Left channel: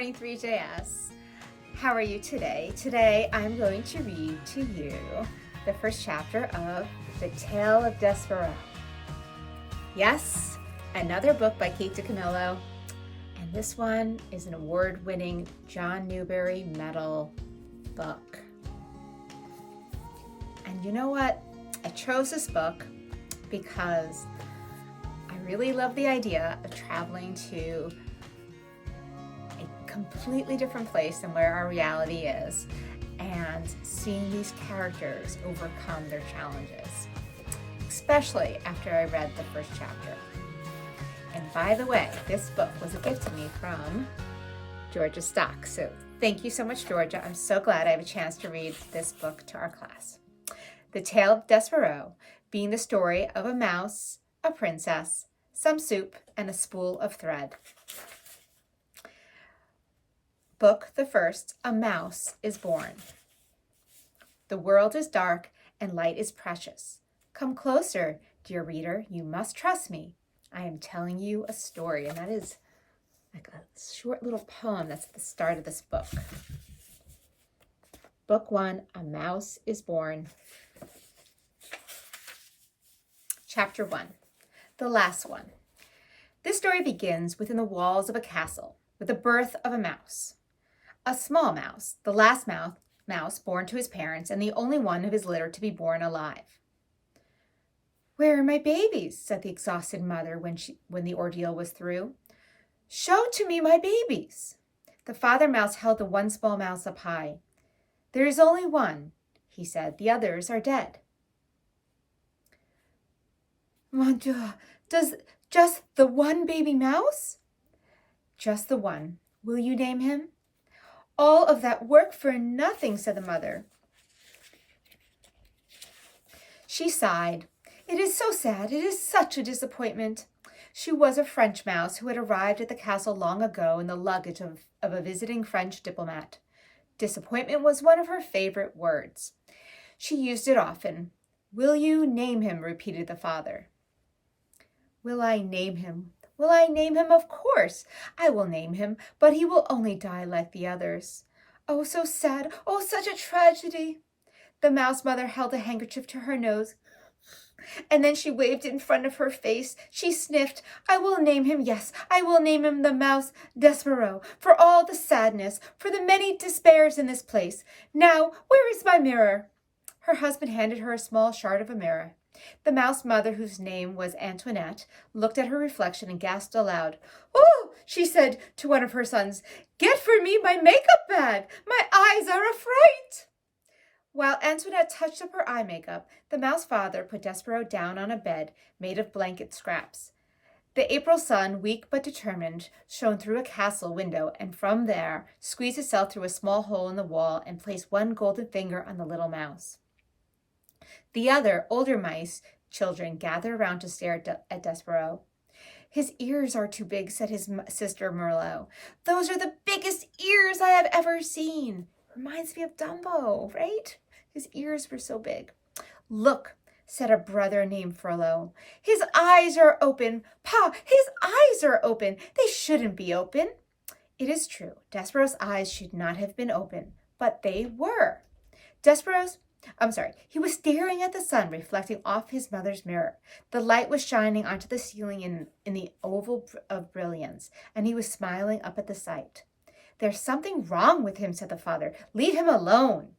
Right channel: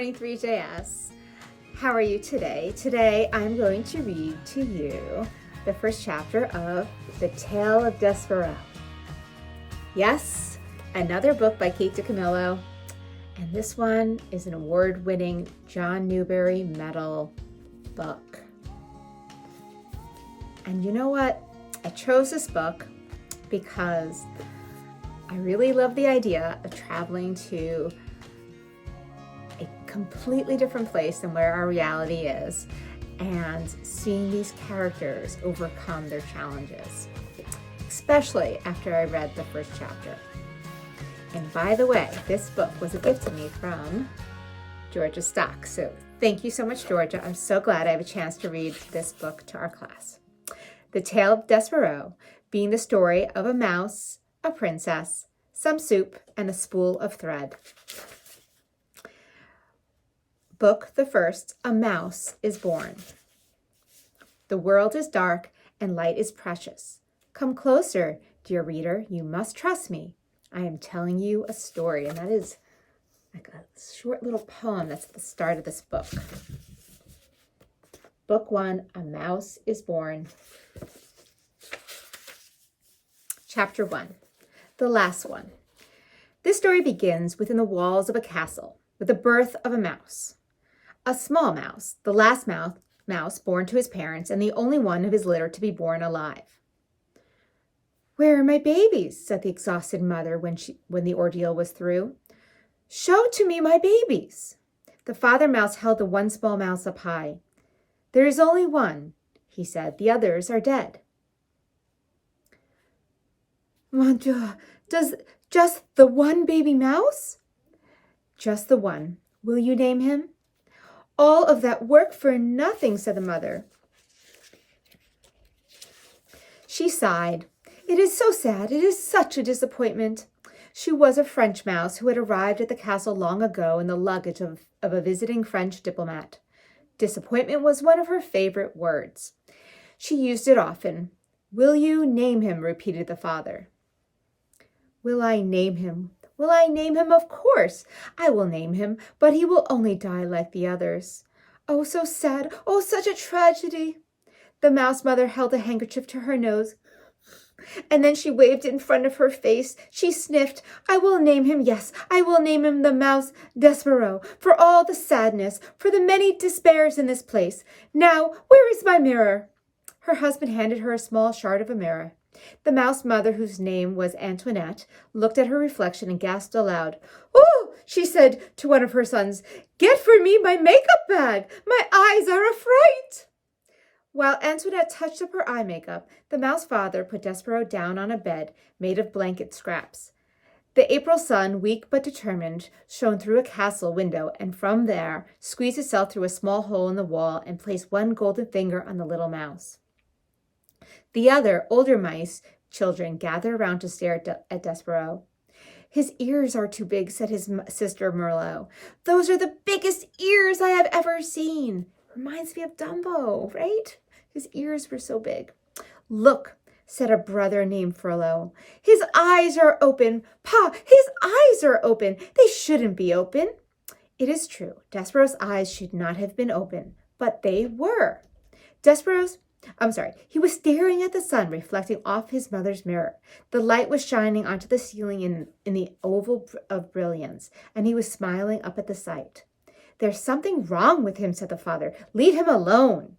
morning, 3JS. How are you today? Today I'm going to read to you the first chapter of The Tale of Despereaux. Yes, another book by Kate DiCamillo, and this one is an award-winning John Newbery Medal book. And you know what? I chose this book because I really love the idea of traveling to a completely different place than where our reality is and seeing these characters overcome their challenges, especially after I read the first chapter. And by the way, this book was a gift to me from Georgia Stock. So thank you so much, Georgia. I'm so glad I have a chance to read this book to our class. The Tale of Despereaux being the story of a mouse, a princess, some soup, and a spool of thread. Book the first, A Mouse is Born. The world is dark and light is precious. Come closer, dear reader, you must trust me. I am telling you a story, and that is like a short little poem that's at the start of this book. Book 1, A Mouse is Born. Chapter 1, the last one. This story begins within the walls of a castle with the birth of a mouse. A small mouse, the last mouse born to his parents and the only one of his litter to be born alive. "Where are my babies?" said the exhausted mother when the ordeal was through. "Show to me my babies." The father mouse held the one small mouse up high. "There is only one," he said. "The others are dead." "Mon Dieu, does just the one baby mouse?" "Just the one. Will you name him?" "All of that work for nothing," said the mother. She sighed. "It is so sad. It is such a disappointment." She was a French mouse who had arrived at the castle long ago in the luggage of a visiting French diplomat. Disappointment was one of her favorite words. She used it often. "Will you name him?" repeated the father. "Will I name him? Will I name him? Of course I will name him, but he will only die like the others. Oh, so sad. Oh, such a tragedy." The mouse mother held a handkerchief to her nose, and then she waved it in front of her face. She sniffed. "I will name him, yes, I will name him the mouse Despereaux, for all the sadness, for the many despairs in this place. Now, where is my mirror?" Her husband handed her a small shard of a mirror. The mouse mother, whose name was Antoinette, looked at her reflection and gasped aloud. "Oh," she said to one of her sons, "get for me my makeup bag. My eyes are a fright." While Antoinette touched up her eye makeup, the mouse father put Despereaux down on a bed made of blanket scraps. The April sun, weak but determined, shone through a castle window, and from there squeezed itself through a small hole in the wall and placed one golden finger on the little mouse. The other, older mice children gathered around to stare at Despereaux. "His ears are too big," said his sister Merlot. "Those are the biggest ears I have ever seen." Reminds me of Dumbo, right? His ears were so big. "Look," said a brother named Frollo. "His eyes are open. Pa, his eyes are open. They shouldn't be open." It is true. Despereaux's eyes should not have been open, but they were. He was staring at the sun reflecting off his mother's mirror. The light was shining onto the ceiling in the oval of brilliance, and he was smiling up at the sight. "There's something wrong with him," said the father. "Leave him alone."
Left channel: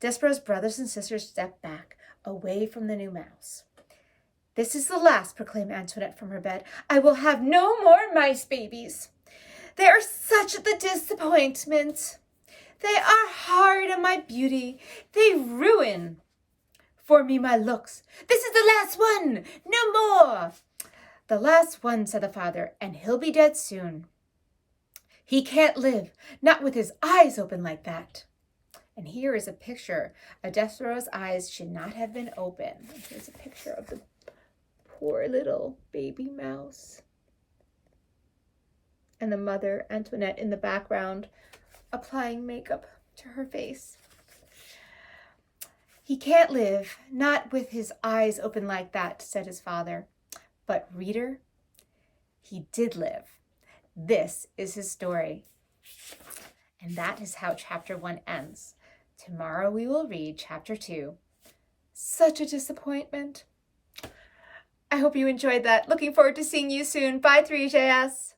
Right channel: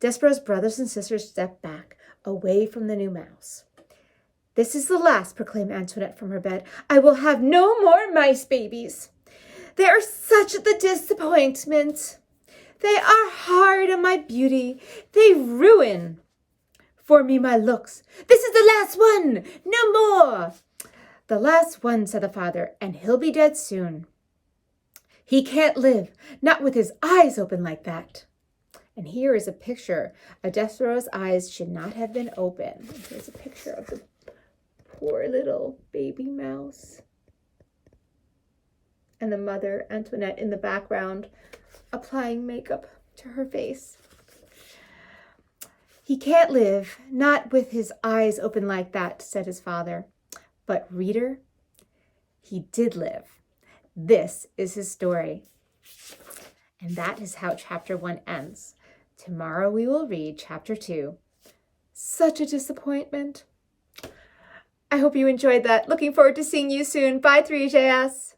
Despereaux's brothers and sisters stepped back, away from the new mouse. "This is the last," proclaimed Antoinette from her bed. "I will have no more mice babies. They are such a disappointment. They are hard on my beauty. They ruin for me my looks. This is the last one. No more." "The last one," said the father, "and he'll be dead soon. He can't live, not with his eyes open like that." And here is a picture of Despereaux's eyes should not have been open. Here's a picture of the poor little baby mouse. And the mother, Antoinette, in the background, applying makeup to her face. "He can't live, not with his eyes open like that," said his father. But reader, he did live. This is his story. And that is how chapter 1 ends. Tomorrow we will read chapter 2. Such a disappointment. I hope you enjoyed that. Looking forward to seeing you soon. Bye, 3JS.